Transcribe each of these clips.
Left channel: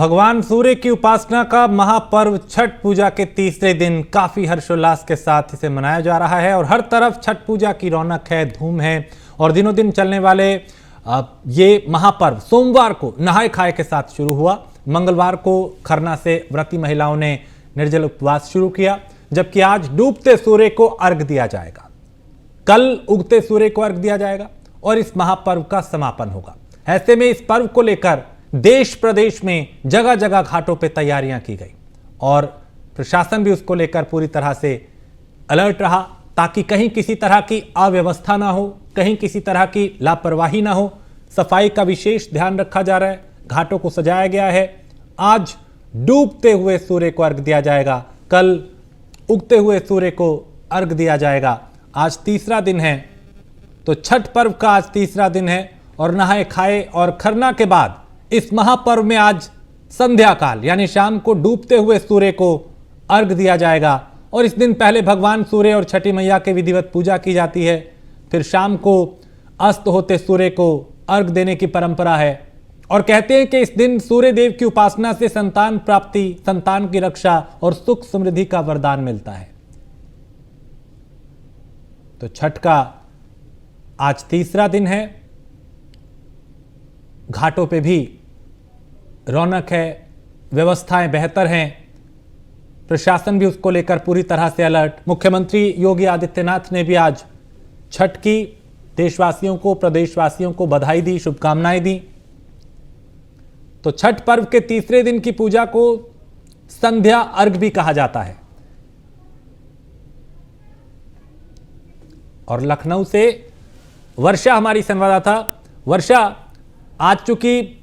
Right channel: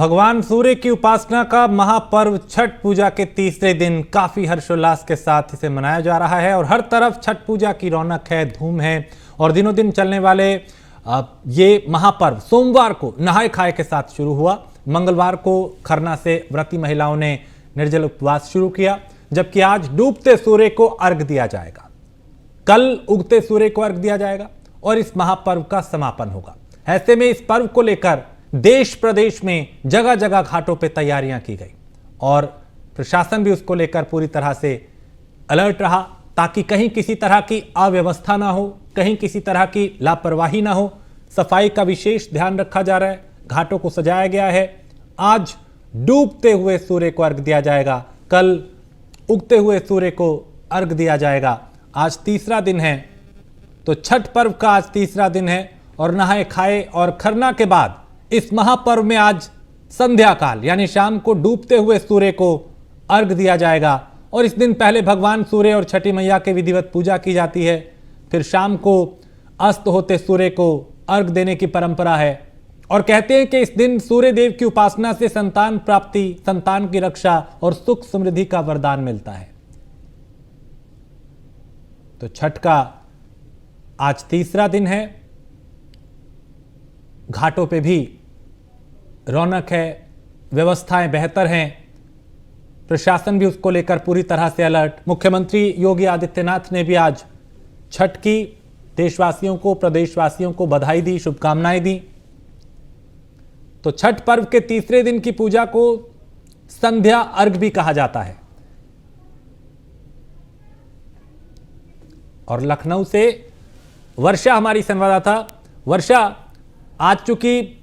भगवान सूर्य की उपासना का महापर्व छठ पूजा के तीसरे दिन काफी हर्षोल्लास के साथ इसे मनाया जा रहा है और हर तरफ छठ पूजा की रौनक है, धूम है। और दिनों दिन चलने वाले ये महापर्व सोमवार को नहाय खाए के साथ शुरू हुआ। मंगलवार को खरना से व्रती महिलाओं ने निर्जल उपवास शुरू किया, जबकि आज डूबते सूर्य को अर्घ दिया जाएगा। कल उगते सूर्य को अर्घ दिया जाएगा और इस महापर्व का समापन होगा। ऐसे में इस पर्व को लेकर देश प्रदेश में जगह जगह घाटों पर तैयारियां की गई और प्रशासन भी उसको लेकर पूरी तरह से अलर्ट रहा, ताकि कहीं किसी तरह की अव्यवस्था ना हो, कहीं किसी तरह की लापरवाही ना हो। सफाई का विशेष ध्यान रखा जा रहा है, घाटों को सजाया गया है। आज डूबते हुए सूर्य को अर्घ दिया जाएगा, कल उगते हुए सूर्य को अर्घ दिया जाएगा। आज तीसरा दिन है, तो छठ पर्व का आज तीसरा दिन है और नहाए खाए और खरना के बाद इस महापर्व में आज संध्या काल यानी शाम को डूबते हुए सूर्य को अर्घ दिया जाएगा। और इस दिन पहले भगवान सूर्य और छठी मैया के विधिवत पूजा की जाती है, फिर शाम को अस्त होते सूर्य को अर्घ देने की परंपरा है। और कहते हैं कि इस दिन सूर्य देव की उपासना से संतान प्राप्ति, संतान की रक्षा और सुख समृद्धि का वरदान मिलता है। तो छठ का आज तीसरा दिन है, घाटों पे भी रौनक है, व्यवस्थाएं बेहतर हैं, प्रशासन भी उसको लेकर पूरी तरह से अलर्ट। मुख्यमंत्री योगी आदित्यनाथ ने भी आज छठ की देशवासियों को, प्रदेशवासियों को बधाई दी, शुभकामनाएं दी। तो छठ पर्व के तीसरे दिन की पूजा को संध्या अर्घ भी कहा जाता है। और लखनऊ से वर्षा हमारी संवाददाता। वर्षा, आज चूंकि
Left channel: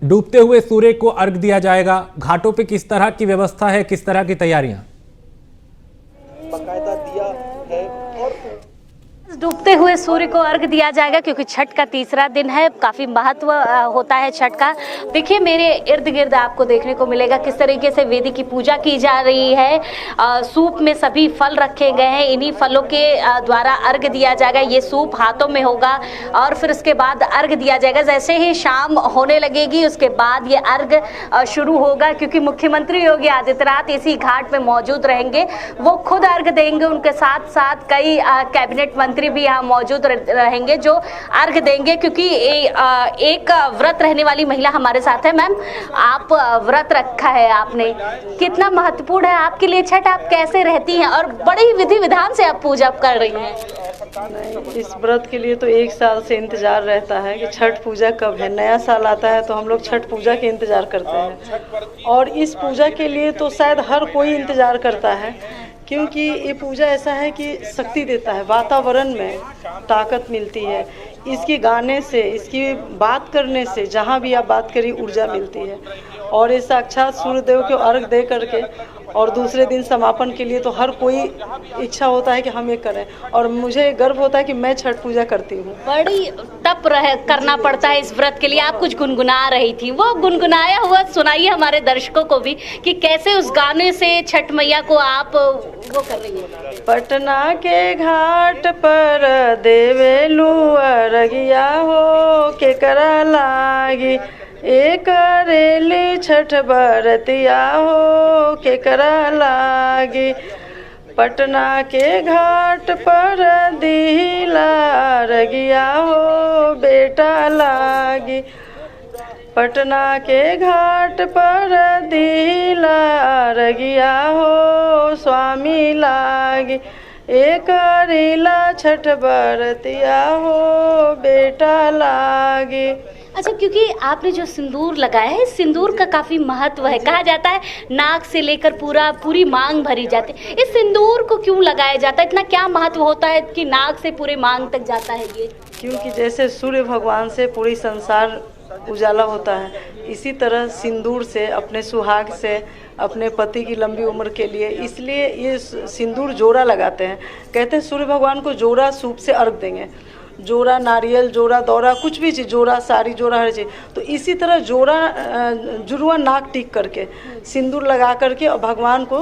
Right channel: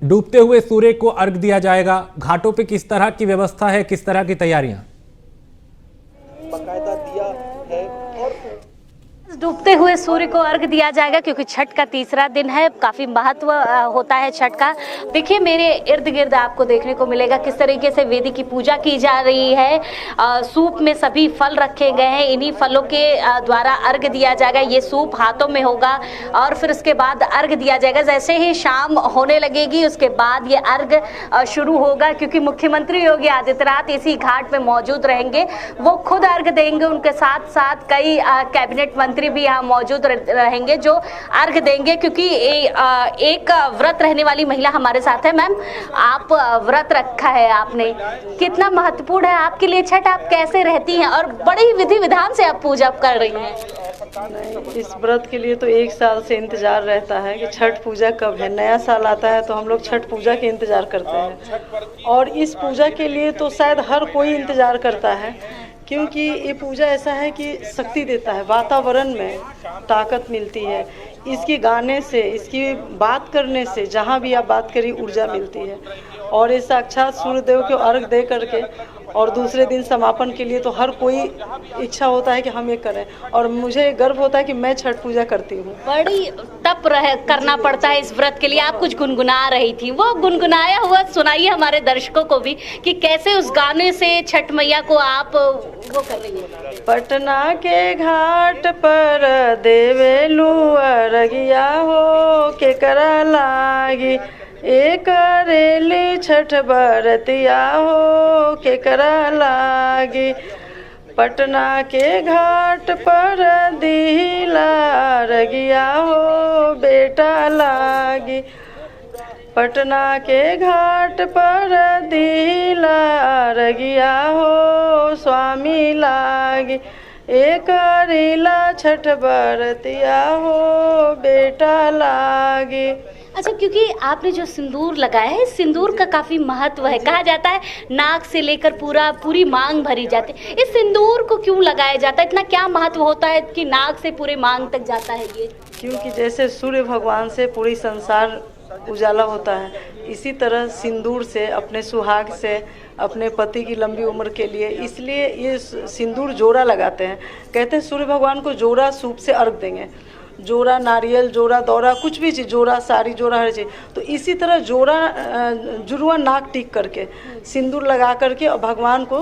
डूबते हुए सूर्य को अर्घ दिया जाएगा, घाटों पे किस तरह की व्यवस्था है, किस तरह की तैयारियां? बकायदा दिया है। डूबते हुए सूर्य को अर्घ दिया जाएगा क्योंकि छठ का तीसरा दिन है। काफी महत्व होता है छठ का। देखिए मेरे इर्द गिर्द आपको देखने को मिलेगा किस तरीके से वेदी की पूजा की जा रही है। सूप में सभी फल रखे गए हैं, इन्हीं फलों के द्वारा अर्घ दिया जाएगा। ये सूप हाथों में होगा और फिर उसके बाद अर्घ दिया जाएगा। जैसे ही शाम होने लगेगी उसके बाद ये अर्घ शुरू होगा, क्योंकि मुख्यमंत्री योगी आदित्यनाथ इसी घाट में मौजूद रहेंगे। वो खुद अर्घ देंगे, उनके साथ साथ कई कैबिनेट मंत्री भी यहाँ मौजूद रहेंगे जो अर्घ देंगे। क्योंकि एक व्रत रहने वाली महिला हमारे साथ है। मैम, आप व्रत रखा है आपने, कितना महत्वपूर्ण है आपके लिए छठ? आप कैसे रहती हैं और बड़ी विधि विधान से आप पूजा कर रही हैं? इस व्रत के लिए तो एक साल से इंतजार रहता है कि छठ पूजा कब है। नया साल आता है तो हम लोग छठ पूजा के इंतजार करते हैं और इस पूजा के लिए तो शायद हर कोई इंतजार करता है, क्योंकि ये पूजा ऐसा है कि शक्ति देता है, वातावरण में ताकत मिलती है। इसके गाने से, इसकी बात करने से, जहाँ भी आप बात करिए ऊर्जा मिलती है। और ये साक्षात सूर्यदेव को अर्घ दे करके और दूसरे दिन समापन के लिए तो हर कोई इच्छा होता है कि हम ये करें। और मुझे गर्व होता है कि मैं छठ पूजा करती हूँ। बड़ी तप करना पड़ता है इस व्रत के लिए। आप कुछ गुनगुना रही थी, वो गुनगुनाया हुआ सुनाइए हमारे दर्शकों को भी कि कैसे उस गाने से छठ मैया को आप वो कर रही है। पटना के घाट पर देवेलू अरगिया हो के करा लागी, एक रेली छठ बरतिया हो के करा लागी। पटना के घाट पर दिला रगिया हो बेटा लागी। पटना के घाट पर दिला रगिया हो स्वामी लागी, एक रीला छठ बरतिया हो बेटा लागी। अच्छा, क्योंकि आपने जो सिंदूर लगाया है, सिंदूर का काफी महत्व है। कहा जाता है नाक से लेकर पूरी मांग भरी जाती है। इस सिंदूर को क्यों लगाया जाता है? इतना क्या महत्व होता है कि नाक से पूरे मांग तक जाता है ये? क्योंकि जैसे सूर्य भगवान से पूरी संसार उजाला होता है, इसी तरह सिंदूर से, अपने सुहाग से, अपने पति की लंबी उम्र के लिए, इसलिए ये सिंदूर जोड़ा लगाते हैं। कहते हैं सूर्य भगवान को जोड़ा सूप से अर्घ देंगे। जोड़ा नारियल, जोड़ा दौरा, कुछ भी चीज़, जोड़ा साड़ी, जोड़ा हर चीज़। तो इसी तरह जोड़ा जुड़वा नाक टीक करके सिंदूर लगा करके और भगवान को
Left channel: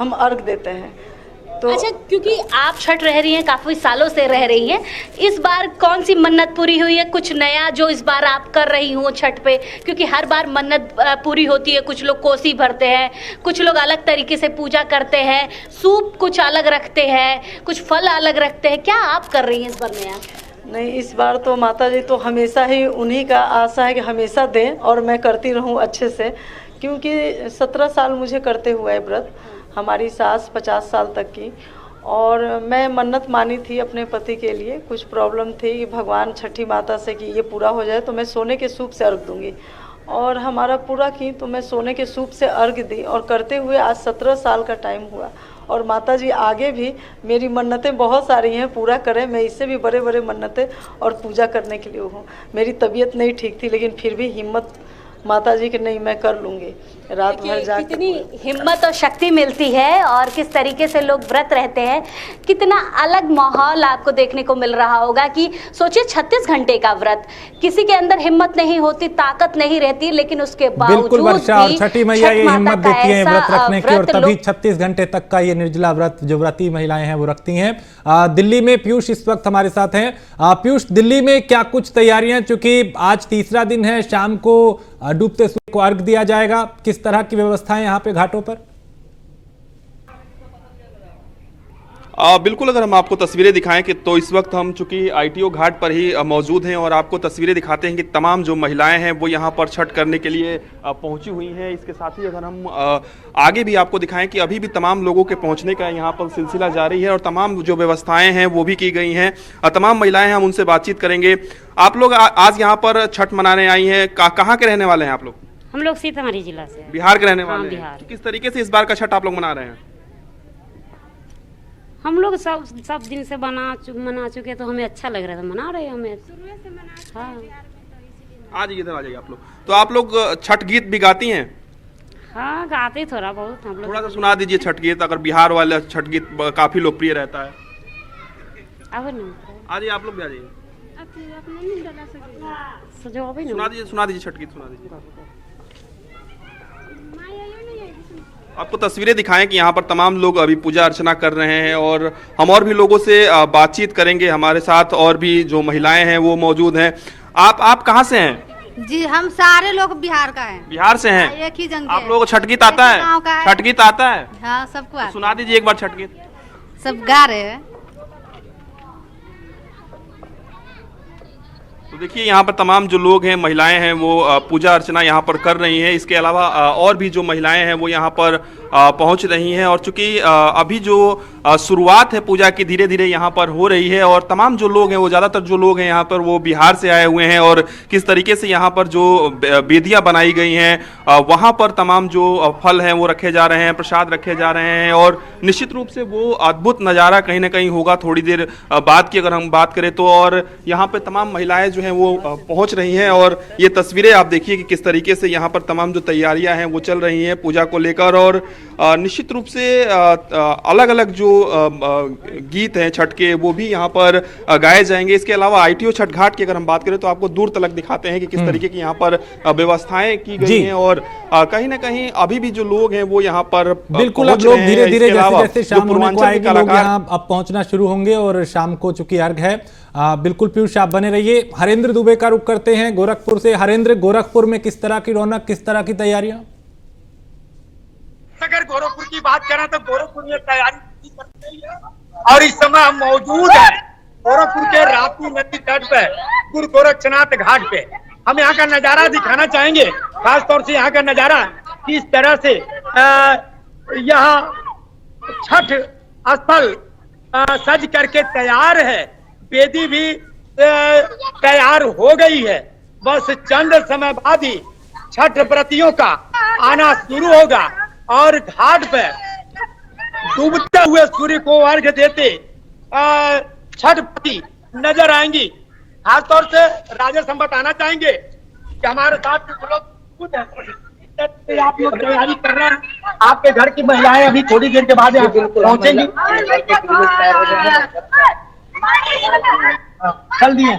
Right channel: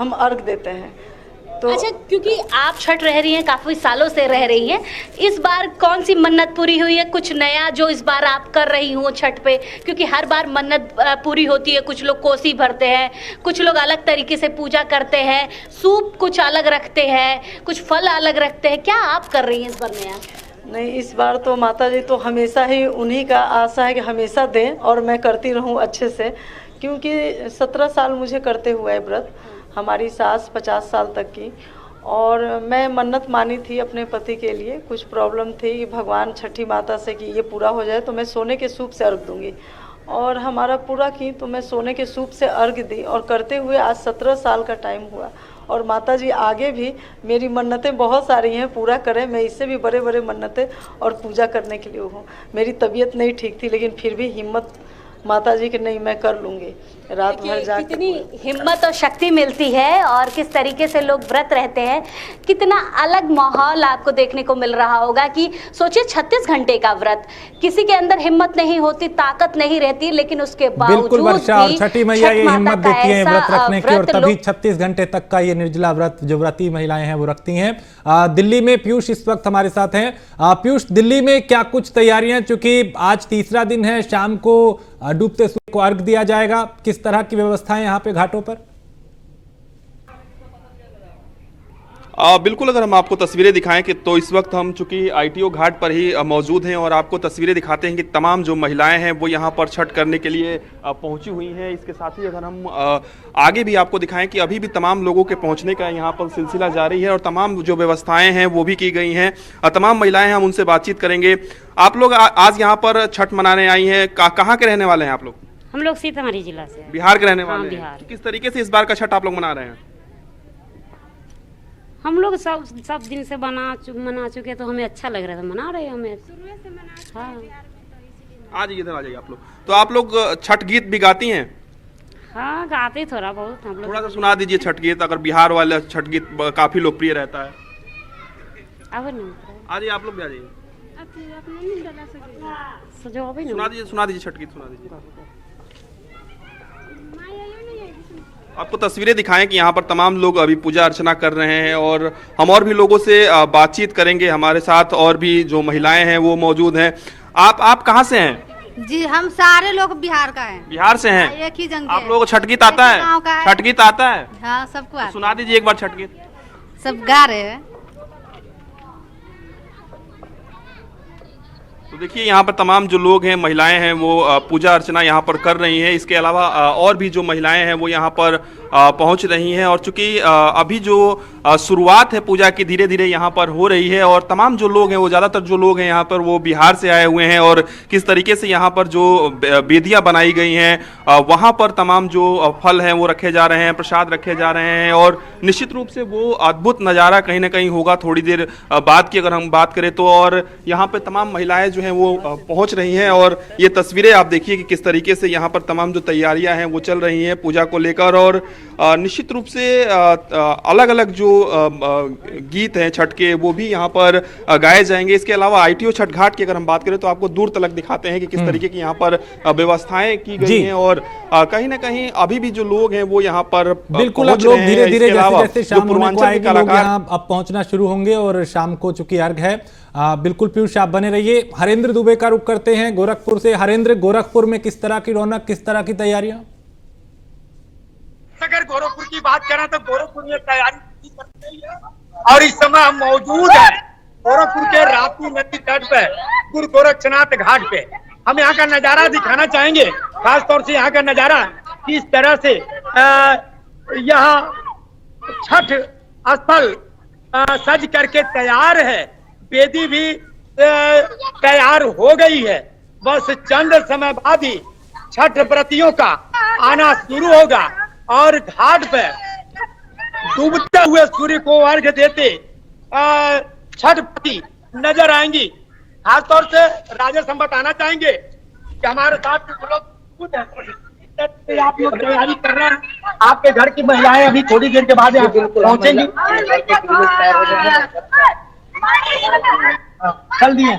हम अर्घ देते हैं। तो अच्छा, क्योंकि आप छठ रह रही हैं, काफी सालों से रह रही हैं, इस बार कौन सी मन्नत पूरी हुई है? कुछ नया जो इस बार आप कर रही हो छठ पे? क्योंकि हर बार मन्नत पूरी होती है, कुछ लोग कोसी भरते हैं, कुछ लोग अलग तरीके से पूजा करते हैं, सूप कुछ अलग रखते हैं, कुछ फल अलग रखते हैं, क्या आप कर रही हैं इस बार नया? नहीं, इस बार तो माता जी तो हमेशा ही उन्हीं का आशा है कि हमेशा दें और मैं करती रहूं अच्छे से, क्योंकि 17 साल मुझे करते हुए है व्रत, हमारी सास 50 साल तक की। और मैं मन्नत मानी थी अपने पति के लिए, कुछ प्रॉब्लम थी कि भगवान छठी माता से कि ये पूरा हो जाए तो मैं सोने के सूप से अर्घ दूंगी, और हमारा पूरा की तो मैं सोने के सूप से अर्घ दी, और करते हुए आज 17 साल का टाइम हुआ। और माता जी आगे भी मेरी मन्नतें बहुत सारी हैं, पूरा करें, मैं इससे भी बड़े बड़े मन्नतें और पूजा करने के लिए हूँ। मेरी तबीयत नहीं ठीक थी, लेकिन फिर भी हिम्मत माता जी की, नहीं मैं कर लूँगी, रात भर जाकर। कितनी हिम्मत और शक्ति मिलती है और किस तरीके से लोग व्रत रहते हैं, कितना अलग माहौल आपको देखने को मिल रहा होगा कि सोचिए 36 घंटे का व्रत, किसी के अंदर हिम्मत नहीं होती, ताकत नहीं रहती, लेकिन उसके बावजूद बिल्कुल वर्षा, और छठी मैया ये हिम्मत देती है व्रत रखने की, और तभी 36 घंटे तक का ये निर्जला व्रत जो व्रती महिलाएं हैं वो रखती हैं। दिल्ली में पीयूष इस वक्त हमारे साथ हैं। पीयूष, दिल्ली में क्या कुछ तैयारियां, चूंकि आज तीसरा दिन है, शाम को डूबते सूर्य को अर्घ दिया जाएगा, किस तरह की व्यवस्थाएं यहाँ पे घाटों पर? बिल्कुल, अगर हम आपको तस्वीरें दिखाएं कि तो इस वक्त हम चूंकि आईटीओ घाट पर ही मौजूद हैं और आपको तस्वीरें दिखाते हैं कि तमाम जो महिलाएं हैं वो यहाँ पर छठ करने के लिए पहुंची हुई हैं। इसके साथ ही अगर हम आगे भी आपको दिखाएं कि अभी भी तमाम लोगों के पहुंचने का यहाँ पर सिलसिला जारी है और तमाम जो व्यवस्थाएं हैं वो भी की गई हैं। तमाम महिलाएं हैं, हम उनसे बातचीत करेंगे। आप लोग आज यहाँ पर छठ मनाने आई हैं, कहाँ के रहने वाले हैं आप लोग? हम लोग सीतामढ़ी जिला से हैं। बिहार के रहने वाले हैं। बिहार। किस तरीके से इस बार का छठ आप लोग मना रहे हैं? हम लोग सब दिन से मना चुके, तो हमें अच्छा लग रहा था, मना रहे हैं हमें। हाँ, आज इधर आ जाइए आप लोग। तो आप लोग छठ गीत भी गाती हैं? हाँ, गाते थोड़ा बहुत हम लोग। थोड़ा सा सुना दीजिए छठ गीत, अगर बिहार वाला छठ गीत काफी लोकप्रिय रहता है। अब नहीं आ जाइए आप लोग भी आ जाइए, सुना दीजिए छठ गीत सुना दीजिए। आपको तस्वीरें दिखाएं कि यहाँ पर तमाम लोग अभी पूजा अर्चना कर रहे हैं और हम और भी लोगों से बातचीत करेंगे। हमारे साथ और भी जो महिलाएं हैं वो मौजूद हैं। आप कहाँ से हैं? जी, हम सारे लोग बिहार का हैं। बिहार से हैं? एक ही जंग। आप लोगों को छठ गीत आता है? छठ गीत आता है? हाँ, सबको आता है। सुना दीजिए एक बार छठ गीत। सब गा रहे हैं। तो देखिए यहाँ पर तमाम जो लोग हैं, महिलाएं हैं, वो पूजा अर्चना यहाँ पर कर रही हैं। इसके अलावा और भी जो महिलाएं हैं वो यहाँ पर पहुँच रही हैं और चूंकि अभी जो शुरुआत है पूजा की धीरे धीरे यहाँ पर हो रही है और तमाम जो लोग हैं वो ज़्यादातर जो लोग हैं यहाँ पर वो बिहार से आए हुए हैं और किस तरीके से यहाँ पर जो वेदियाँ बनाई गई हैं वहाँ पर तमाम जो फल हैं वो रखे जा रहे हैं, प्रसाद रखे जा रहे हैं और निश्चित रूप से वो अद्भुत नज़ारा कहीं ना कहीं होगा थोड़ी देर बाद की अगर हम बात करें तो। और यहाँ पर तमाम महिलाएं जो हैं वो पहुँच रही हैं और ये तस्वीरें आप देखिए कि किस तरीके से यहाँ पर तमाम जो तैयारियाँ हैं वो चल रही हैं पूजा को लेकर। और निश्चित रूप से अलग अलग जो गीत हैं छठ के वो भी यहाँ पर गाए जाएंगे। इसके अलावा आईटीओ छठ घाट की अगर हम बात करें तो आपको दूर तलक दिखाते हैं कि किस तरीके की यहाँ पर व्यवस्थाएं की गई हैं और कहीं ना कहीं अभी भी जो लोग हैं वो यहाँ पर बिल्कुल अब लोग धीरे धीरे जैसे शाम होने को आएगी लोग यहाँ अब पहुंचना शुरू होंगे और शाम को चूंकि अर्घ है। बिल्कुल पीयूष, आप बने रहिए। हरेंद्र दुबे का रुख करते हैं गोरखपुर से। हरेंद्र, गोरखपुर में किस तरह की रौनक, किस तरह की तैयारियां? अगर गोरखपुर की बात करें तो गोरखपुर में तैयारी और इस समय हम मौजूद है गोरखपुर के राप्ती नदी तट पे गुरु गोरक्षनाथ घाट पे। हम यहाँ का नजारा दिखाना चाहेंगे, खास तौर से यहाँ का नजारा किस तरह से यह छठ स्थल सज करके तैयार है। वेदी भी तैयार हो गई है, बस चंद समय बाद ही छठ व्रतियों का आना शुरू होगा और घाट पर डूबते हुए सूर्य को अर्घ्य देते छठ व्रती नजर आएंगी। खास तौर से राजेश हम बताना चाहेंगे कि हमारे साथ लोग आप लोग तैयारी कर रहे हैं, आपके घर की महिलाएं अभी थोड़ी देर के बाद पहुंचेंगी। चल दिए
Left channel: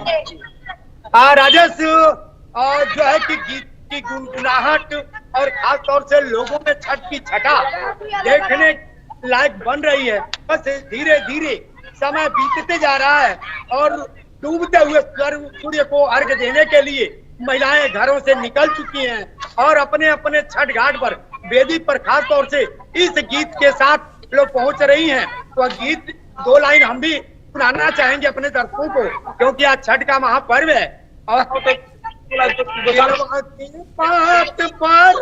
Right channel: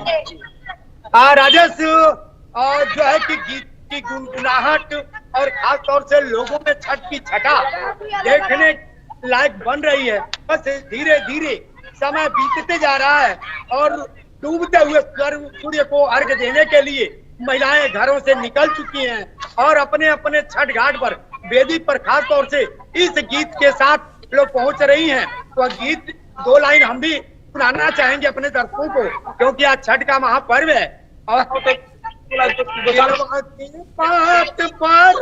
राजेश, जो है कि गीत की गुनगुनाहट और खास तौर से लोगों में छठ की छटा देखने लायक बन रही है। बस धीरे धीरे समय बीतते जा रहा है और डूबते हुए सूर्य को अर्घ्य देने के लिए महिलाएं घरों से निकल चुकी हैं और अपने अपने छठ घाट पर वेदी पर खास तौर से इस गीत के साथ लोग पहुंच रही हैं। तो गीत 2 लाइन हम भी सुनाना चाहेंगे अपने दर्शकों को, क्योंकि आज छठ का महापर्व है। और पात पर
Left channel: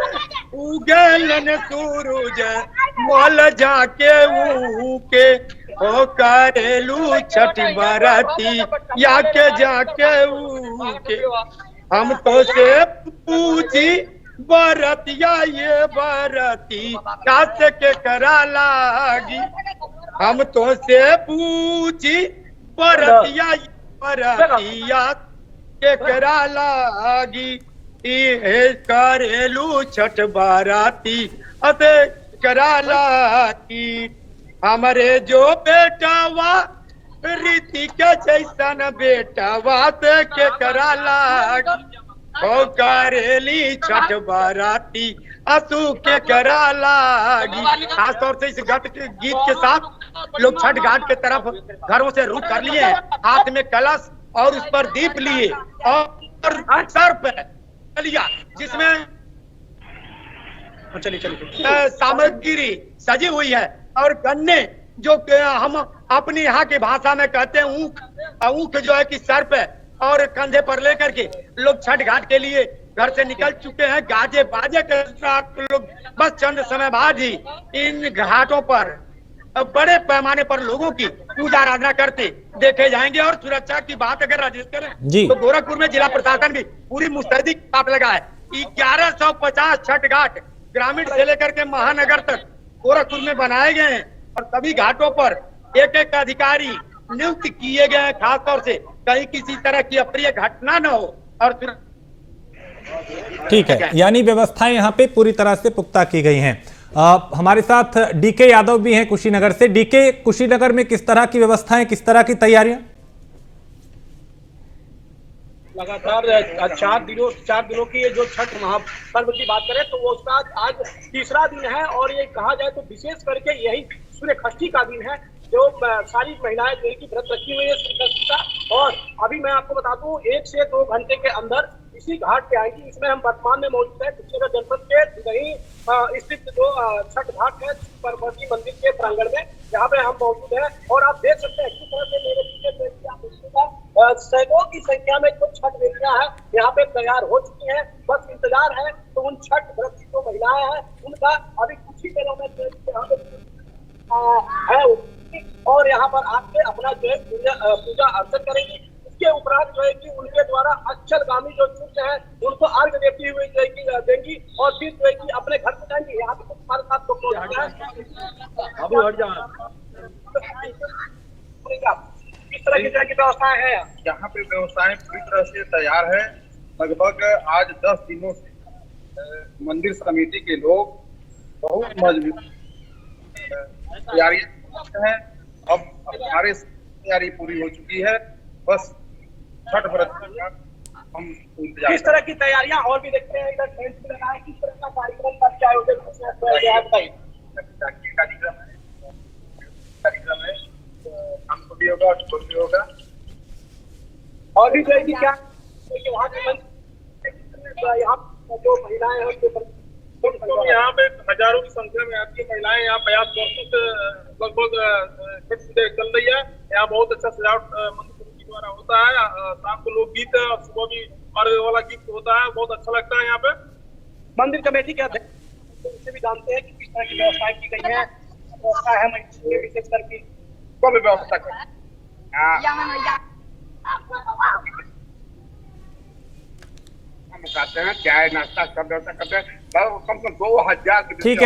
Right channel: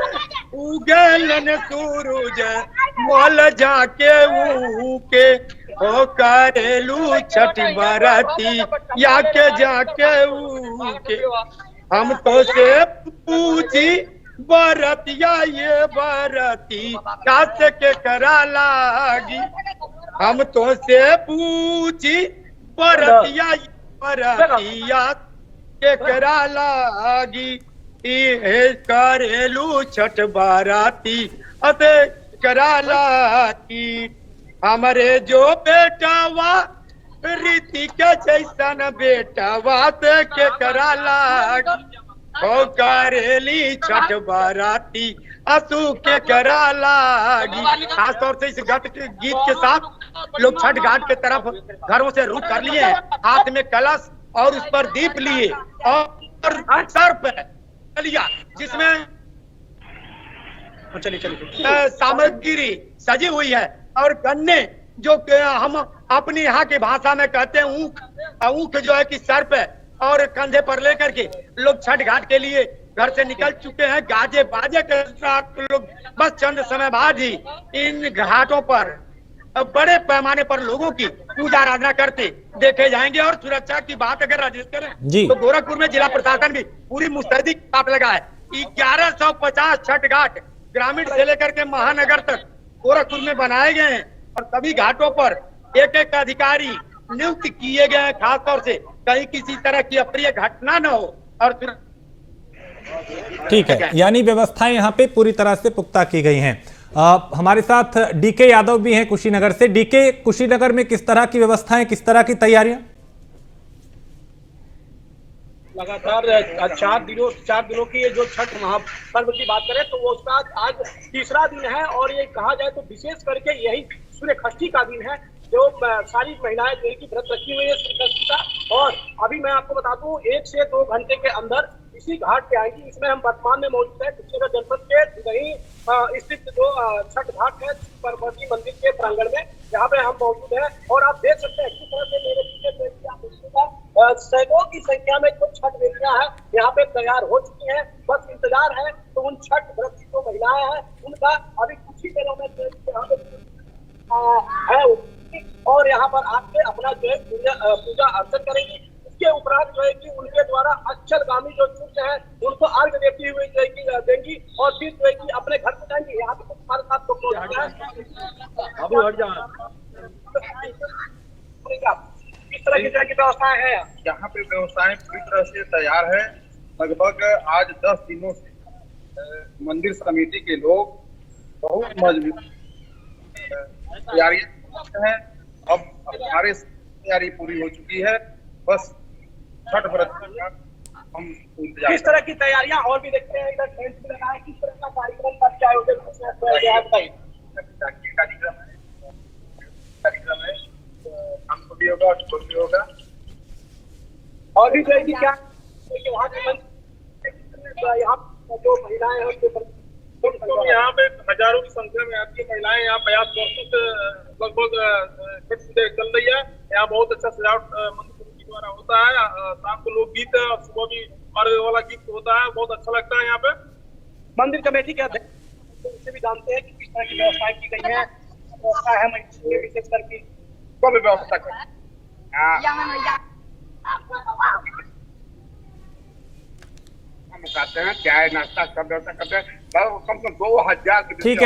उगलन सूरज मोल जाके ऊके ओ करेलू छठ बरती या के जाके ऊके हम तो से पूछी बरतिया ये बरती कात के करा लागी। हम तो से पूछी बरतिया ये बरतिया के करा लागी। करेलू छठ बाराती अते करा लागी। हमारे जो बेटावा रीति के जैसन बेटावा ते के करा लागी। ओ करेली छठ बाराती असू के करा लागी। खासतौर से इस गीत के साथ लोग छठ घाट के तरफ घरों से रुख कर लिए, हाथ में कलश और उस पर दीप लिए और सर पे लिया जिसमें सामग्री सजी हुई है और गन्ने जो हम अपनी यहाँ की भाषा में कहते हैं ऊख, ऊख जो है कि सर पे और कंधे पर लेकर के लोग छठ घाट के लिए घर से निकल चुके हैं। गाजे बाजे के साथ लोग बस चंद समय बाद ही इन घाटों पर बड़े पैमाने पर लोगों की पूजा आराधना करते देखे जाएंगे। और सुरक्षा की बात अगर राजेश करें तो गोरखपुर में जिला प्रशासन भी पूरी मुस्तैदी छाप लगा है। 1150 छठ घाट ग्रामीण से लेकर के महानगर तक गोरखपुर में बनाए गए हैं और सभी घाटों पर एक एक अधिकारी नियुक्त किए गए हैं, खासतौर से कहीं किसी तरह की अप्रिय घटना न हो। और ठीक है, यानी व्यवस्थाएं यहाँ पे पूरी तरह से पुख्ता की गई हैं। हमारे साथ डीके यादव भी हैं कुशीनगर से। डीके, कुशीनगर में किस तरह की व्यवस्थाएं, किस तरह की तैयारियां? लगातार 4 दिनों की ये जो छठ महापर्व की बात करें तो वो उसका आज तीसरा दिन है और ये कहा जाए तो विशेष करके यही सूर्य षष्ठी का दिन है जो सारी महिलाएं जो की व्रत रखी हुई है सूर्य षष्ठी का। और अभी मैं आपको बता दूं 1 से 2 घंटे के अंदर इसी घाट पे आएगी। इसमें हम वर्तमान में मौजूद है कुशीनगर जनपद के वहीं स्थित जो छठ घाट है पार्वती मंदिर के प्रांगण में, जहाँ पे हम मौजूद है। और आप देख सकते हैं किस तरह से मेरे पीछे सैकड़ों की संख्या में जो छठ बेटियां हैं यहाँ पे तैयार हो चुकी हैं। बस इंतजार है तो उन छठ व्रती जो महिलाएं हैं उनका अभी कुछ ही दिनों में है और यहाँ पर आके अपना जो है पूजा अर्चन करेंगी। इसके उपरांत जो है कि उनके द्वारा अक्षरगामी जो सूर्य है उनको अर्घ देती हुई जो है कि देंगी और फिर जो है कि अपने घर पे जाएंगी। यहाँ पे हमारे साथ तो किस तरह की व्यवस्था है? यहाँ पे व्यवस्थाएं पूरी तरह से तैयार है। लगभग आज 10 दिनों से मंदिर समिति के लोग बहुत मजबूत तैयारी है। अब हमारे तैयारी पूरी हो चुकी है, बस छठ व्रत का हम इंतजार। किस तरह की तैयारियां और भी देखते हैं इधर टेंट भी लगा है, किस तरह का कार्यक्रम का क्या आयोजन कार्यक्रम है हमको भी होगा और भी होगा। और भी जो क्या यहाँ जो महिलाएं हैं यहाँ पे हजारों की संख्या में आपकी महिलाएं यहाँ प्रयास वर्षों से लगभग छठ पूजा चल रही है। यहाँ बहुत अच्छा सजावट मंदिर समिति द्वारा होता है। शाम को लोग गीत और सुबह भी अर्घ वाला गीत होता है, बहुत अच्छा लगता है। यहाँ पे मंदिर कमेटी के अध्यक्ष उससे भी जानते हैं कि किस तरह की व्यवस्थाएं की गई है। व्यवस्था है विशेष करके कोई भी व्यवस्था करें खाते हैं, चाय नाश्ता सब व्यवस्था करते हैं। कम से कम 2000। ठीक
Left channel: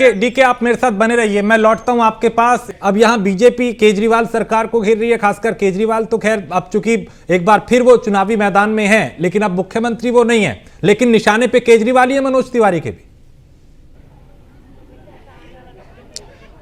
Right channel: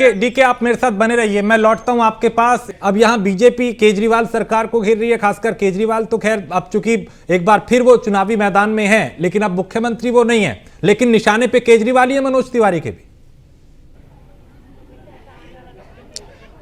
है डीके आप मेरे साथ बने रहिए, मैं लौटता हूं आपके पास। अब यहाँ बीजेपी केजरीवाल सरकार को घेर रही है, खासकर केजरीवाल तो खैर अब चूंकि एक बार फिर वो चुनावी मैदान में है, लेकिन अब मुख्यमंत्री वो नहीं है, लेकिन निशाने पे केजरीवाल ही है मनोज तिवारी के भी।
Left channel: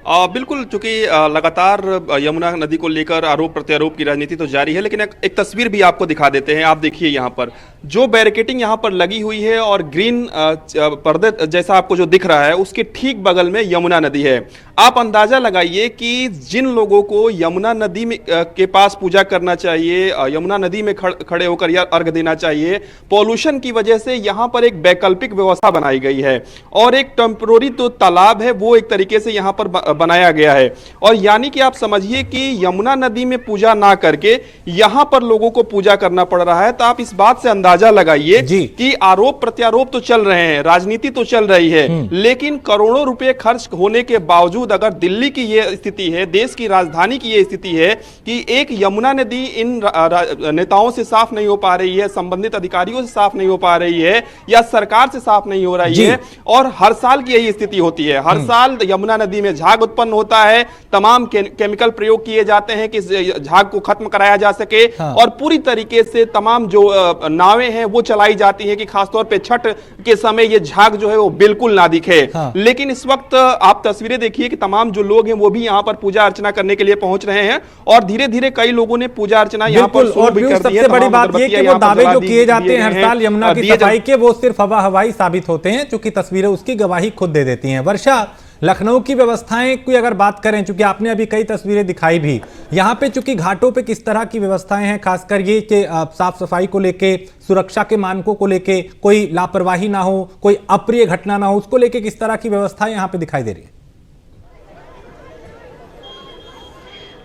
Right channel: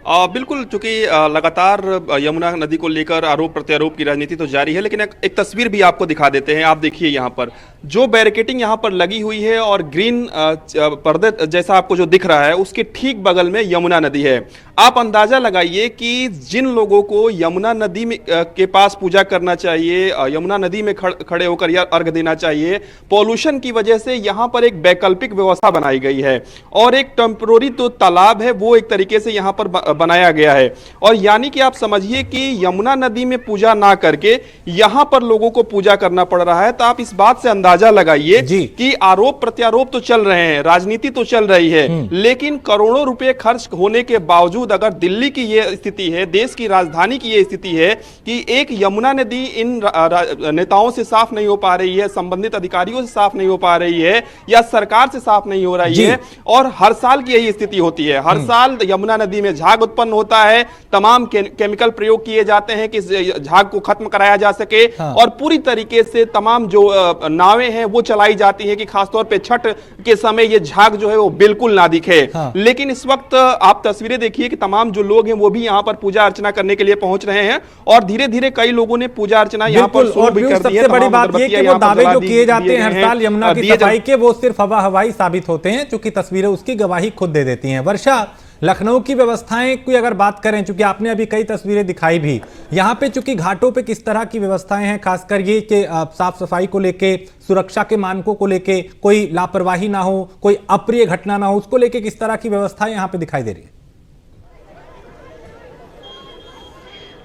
बिल्कुल, चूंकि लगातार यमुना नदी को लेकर आरोप प्रत्यारोप की राजनीति तो जारी है, लेकिन एक तस्वीर भी आपको दिखा देते हैं। आप देखिए यहाँ पर जो बैरिकेटिंग यहाँ पर लगी हुई है और ग्रीन पर्दे जैसा आपको जो दिख रहा है, उसके ठीक बगल में यमुना नदी है। आप अंदाजा लगाइए कि जिन लोगों को यमुना नदी में के पास पूजा करना चाहिए, यमुना नदी में खड़े होकर या अर्घ देना चाहिए, पॉल्यूशन की वजह से यहाँ पर एक वैकल्पिक व्यवस्था बनाई गई है और एक टेम्पोररी जो तालाब है वो एक तरीके से यहाँ पर बनाया गया है। और यानी कि आप समझिए कि यमुना नदी में पूजा ना करके यहां पर लोगों को पूजा करना पड़ रहा है। तो आप इस बात से अंदाजा लगाइए कि आरोप प्रत्यारोप तो चल रहे हैं, राजनीति तो चल रही है, लेकिन करोड़ों रुपए खर्च होने के बावजूद अगर दिल्ली की यह स्थिति है, देश की राजधानी की यह स्थिति है कि एक यमुना नदी इन नेताओं से साफ नहीं हो पा रही है, संबंधित अधिकारियों से साफ नहीं हो पा रही है या सरकार से साफ नहीं हो रही है, और हर साल की यही स्थिति होती है। हर साल यमुना नदी में झाग उत्पन्न होता है, तमाम केमिकल प्रयोग किए जाते हैं कि झाग को खत्म कराया जा सके, और पूरी तरीके से तमाम जो नावें हैं वो चलाई जाती हैं कि खासतौर पे छठ के समय ये झाग जो है वो बिल्कुल ना दिखे। लेकिन इस वक्त आप तस्वीरें देखिए कि तमाम जो लोग हैं वो भी यहाँ पर पूजा अर्चना करने के लिए पहुंच रहे हैं और धीरे धीरे कई लोगों ने पूजा अर्चना यहाँ पर शुरू भी कर दी है। सबसे बड़ी बात ये कि वो दावे जो किए जाते हैं हर साल यमुना की सफाई के, वो सिर्फ हवाई साबित होते हैं, क्योंकि तस्वीरें उसकी गवाही खुद दे देती हैं। वर्षा, लखनऊ की व्यवस्थाएं की अगर बात करें, चूंकि आपने अभी कई तस्वीरें दिखाई भी, यहाँ पे चूंकि घाटों पे किस तरह की व्यवस्थाएं हैं, खासकर ये कि साफ सफाई को लेके, सुरक्षा के मानकों को लेके कोई लापरवाही ना हो, कोई अप्रिय घटना ना हो, उसको लेके किस तरह की व्यवस्थाएं यहाँ पे दिखाई दे रही है?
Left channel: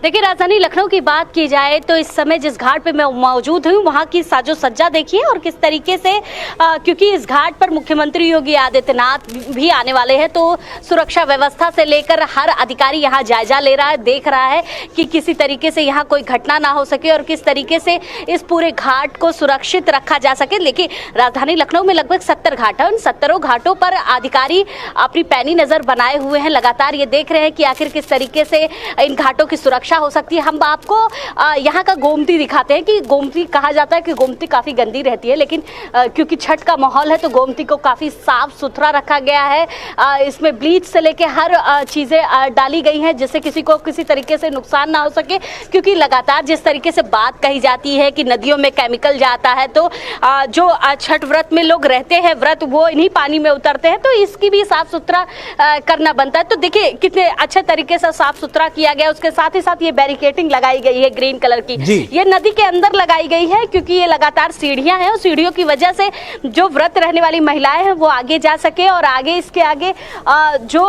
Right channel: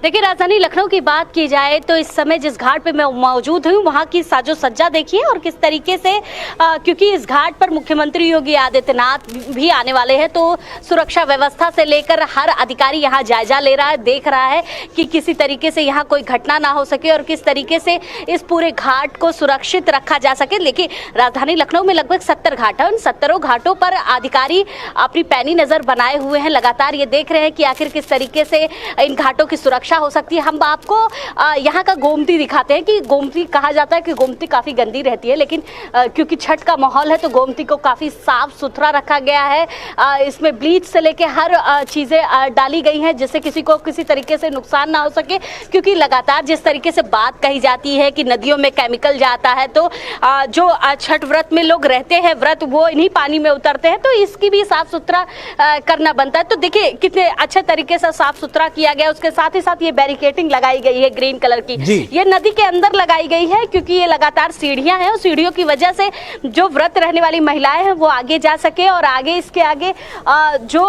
देखिए, राजधानी लखनऊ की बात की जाए तो इस समय जिस घाट पे मैं मौजूद हूँ वहाँ की साजो सज्जा देखिए और किस तरीके से क्योंकि इस घाट पर मुख्यमंत्री योगी आदित्यनाथ भी आने वाले हैं, तो सुरक्षा व्यवस्था से लेकर हर अधिकारी यहाँ जायजा ले रहा है, देख रहा है कि किसी तरीके से यहाँ कोई घटना ना हो सके और किस तरीके से इस पूरे घाट को सुरक्षित रखा जा सके। लेकिन राजधानी लखनऊ में लगभग 70 घाट है, उन 70 घाटों पर अधिकारी अपनी पैनी नजर बनाए हुए हैं, लगातार ये देख रहे हैं कि आखिर किस तरीके से इन घाटों की सुरक्षा हो सकती है। हम आपको यहाँ का गोमती दिखाते हैं कि गोमती कहा जाता है कि गोमती काफी गंदी रहती है, लेकिन क्योंकि छठ का माहौल है तो गोमती को काफी साफ सुथरा रखा गया है। इसमें ब्लीच से लेके हर चीजें डाली गई हैं जिससे किसी को किसी तरीके से नुकसान ना हो सके, क्योंकि लगातार जिस तरीके से बात कही जाती है कि नदियों में केमिकल जाता है, तो जो छठ व्रत में लोग रहते हैं व्रत, वो इन्हीं पानी में उतरते हैं, तो इसकी भी साफ सुथरा करना बनता है। तो देखिए कितने अच्छे तरीके से साफ सुथरा किया गया। उसके साथ ही साथ ये बैरिकेटिंग लगाई गई है ग्रीन कलर की, ये नदी के अंदर लगाई गई है क्योंकि ये लगातार सीढ़ियां हैं और सीढ़ियों की वजह से जो व्रत रहने वाली महिलाएं हैं वो आगे जा सके, और आगे इसके आगे जो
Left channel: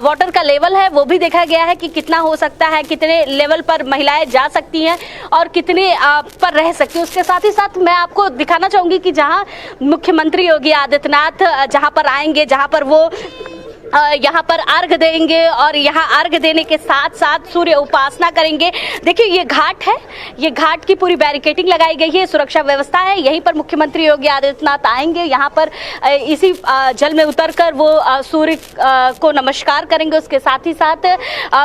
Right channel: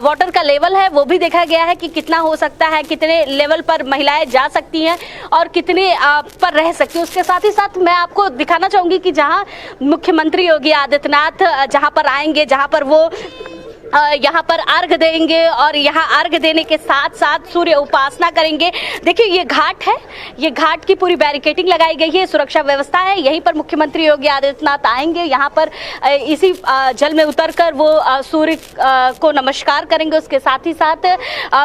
वाटर का लेवल है वो भी देखा गया है कि कितना हो सकता है, कितने लेवल पर महिलाएं जा सकती हैं और कितने पर रह सकती हैं। उसके साथ ही साथ मैं आपको दिखाना चाहूंगी कि जहां मुख्यमंत्री योगी आदित्यनाथ जहां पर आएंगे, जहां पर वो यहाँ पर अर्घ देंगे और यहाँ अर्घ देने के साथ साथ सूर्य उपासना करेंगे। देखिए ये घाट है, ये घाट की पूरी बैरिकेटिंग लगाई गई है, सुरक्षा व्यवस्था है। यहीं पर मुख्यमंत्री योगी आदित्यनाथ आएंगे, यहाँ पर इसी जल में उतरकर वो सूर्य को नमस्कार करेंगे, उसके साथ ही साथ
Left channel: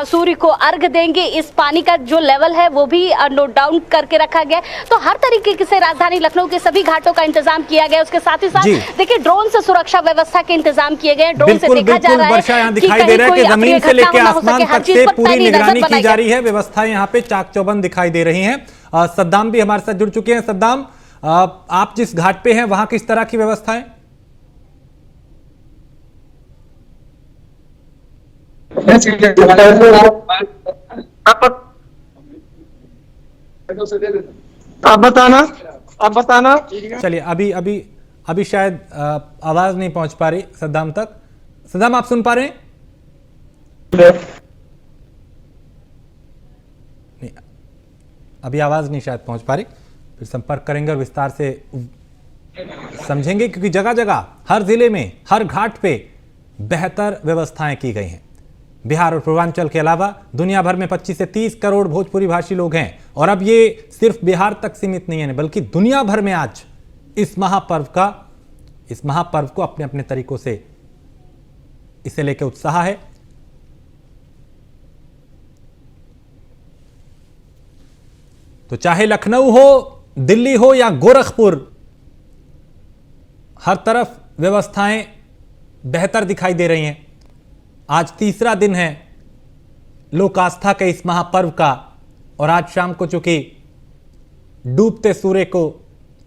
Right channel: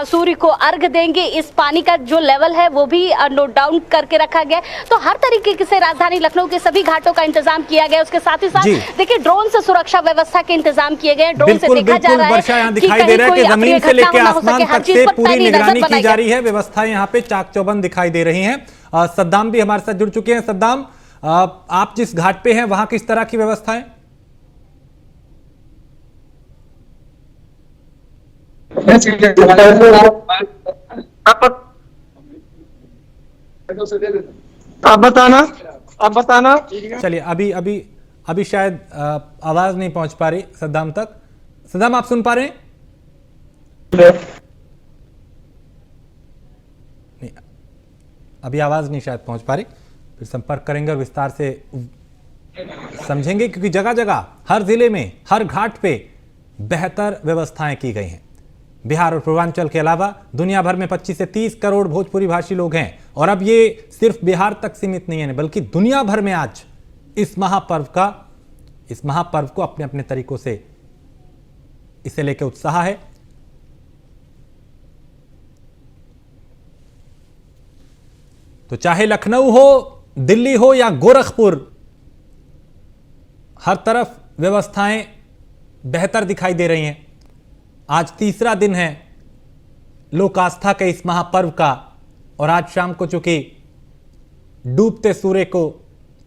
सूर्य को अर्घ देंगे। इस पानी का जो लेवल है वो भी नोट डाउन करके रखा गया। तो हर तरीके से राजधानी लखनऊ के सभी घाटों का इंतजाम किया गया। उसके साथ ही साथ देखिए ड्रोन से सुरक्षा व्यवस्था के इंतजाम किए गए, ड्रोन से देखा जा वर्षा यहाँ दिखाई दे रहा है कि जमीन से लेकर आसमान तक से पूरी निगरानी की जा रही है। व्यवस्था यहाँ पे चाक चौबंद दिखाई दे रही हैं। सद्दाम भी हमारे साथ जुड़ चुके हैं। सद्दाम, आप जिस घाट पे हैं वहां किस तरह की व्यवस्था है? आप बताना। चलिए, अभी शायद आवाज नहीं पहुंच पा रही सद्दाम तक। सद्दाम, आप सुन पा रहे हैं? नहीं, अभी आवाज नहीं शायद पहुंच पा रही। फिर संपर्क करेंगे और विस्तार से समझेंगे, क्योंकि जगह जगह हर जिले में हर घाट पे बेहतर व्यवस्थाएं की गई हैं। बिहार और पूर्वांचल के अलावा दुनिया भर में 25 से 30 करोड़ भोजपुरी भाषी लोग हैं, और अब ये सिर्फ बिहार तक सीमित नहीं है, बल्कि दुनिया भर में आज इस महापर्व को अपने अपने तरीकों से इसे लेकर उत्साह है। तो चाहे लखनऊ हो, दिल्ली हो या गोरखपुर, हर तरफ व्यवस्थाएं बेहतर दिखाई दे रही हैं। आज तीसरा दिन है लोक आस्था के इस महापर्व का, और आज शाम को चूंकि डूबते सूर्य को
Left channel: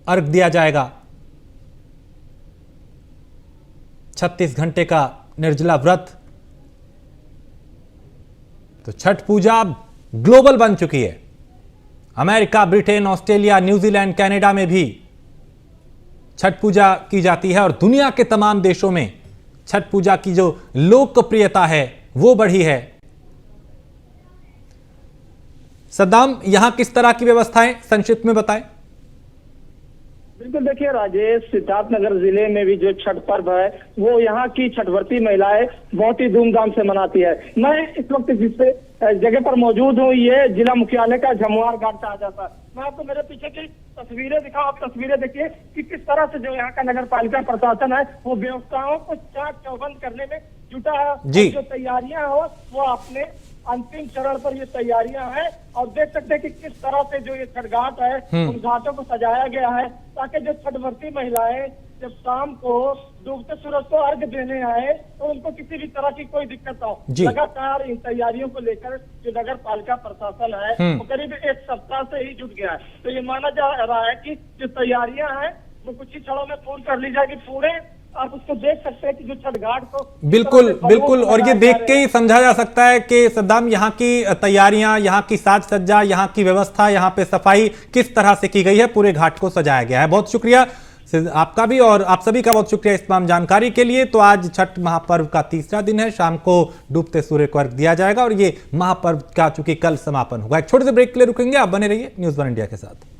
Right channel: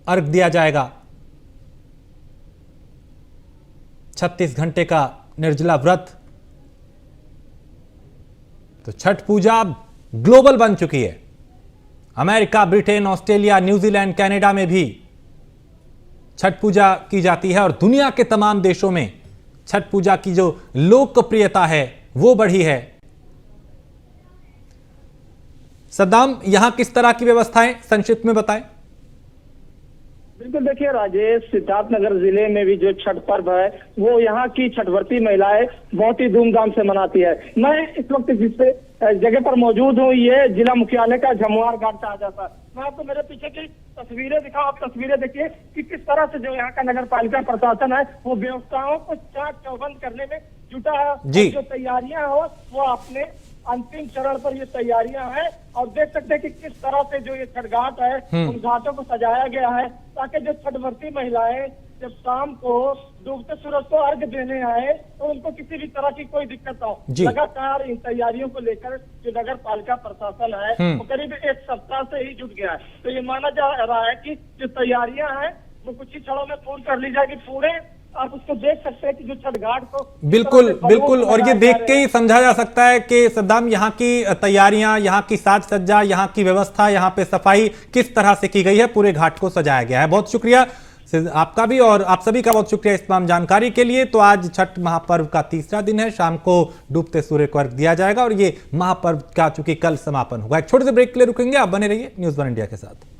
अर्घ दिया जाएगा, 36 घंटे का निर्जला व्रत, तो छठ पूजा अब ग्लोबल बन चुकी है। America, Britain, Australia, New Zealand, Canada में भी छठ पूजा की जाती है और दुनिया के तमाम देशों में छठ पूजा की जो लोकप्रियता है वो बढ़ी है। सद्दाम, यहां किस तरह की व्यवस्थाएं संक्षिप्त में बताएं। बिल्कुल, देखिए राजेश, सिद्धार्थनगर जिले में भी जो छठ पर्व है वो यहाँ की छठवर्ती महिलाएं बहुत ही धूमधाम से मनाती है। मैं इस वक्त जिस जगह पर मौजूद हूँ, ये जिला मुख्यालय का जमुआर घाट कहा जाता है। मैं आपको मेरे पीछे की तस्वीरें दिखाऊं, आप तस्वीरें देखिए कि किस तरह से जो यहाँ का नगर पालिका प्रशासन है वो व्यवस्थाओं को चाक चौबंद करने में जुटा है। जो तैयारियां हो वो अपने अंतिम चरण पर ये तैयारियां हैं, और देख सकते हैं कि किस तरह से जो ये छठ घाट है उन घाटों को सजाया गया है ताकि जो छठवर्ती महिलाएं जब शाम को डूबते सूरज को अर्घ देने आए तो उनको किसी भी तरह की कोई दिक्कत ना हो। लगातार इन तैयारियों को लेकर जो नगर पालिका प्रशासन है वो करीब एक सप्ताह से ही जुट गया है। तो ये माना जा रहा है कि जो तैयारियां हैं वो कुछ ही क्षणों में पूर्ण कर ली जाएगी। पूरे आप उसको देख सकते हैं कि जो छठ घाट को बिल्कुल बिल्कुल, और ये देख के ही समझा जा सकता है कि सद्दाम, यहाँ की तैयारियां, यहाँ की साज सज्जा, यहाँ की व्यवस्था, यहाँ पे सफाई किस तरह से की गई है, पूरे घाट को सजाया गया है। बहुत शुक्रिया आपका भी, और आप सभी का बहुत शुक्रिया इस तमाम जानकारी के लिए। तो आज छठ महापर्व का तीसरा दिन है, शाम को डूबते सूर्य को अर्घ दिया जाएगा और ये महापर्व का चूंकि कल समापन होगा। एक छोटे से ब्रेक के लिए रुकेंगे, आप बने रहिए न्यूज़ 1 इंडिया के साथ।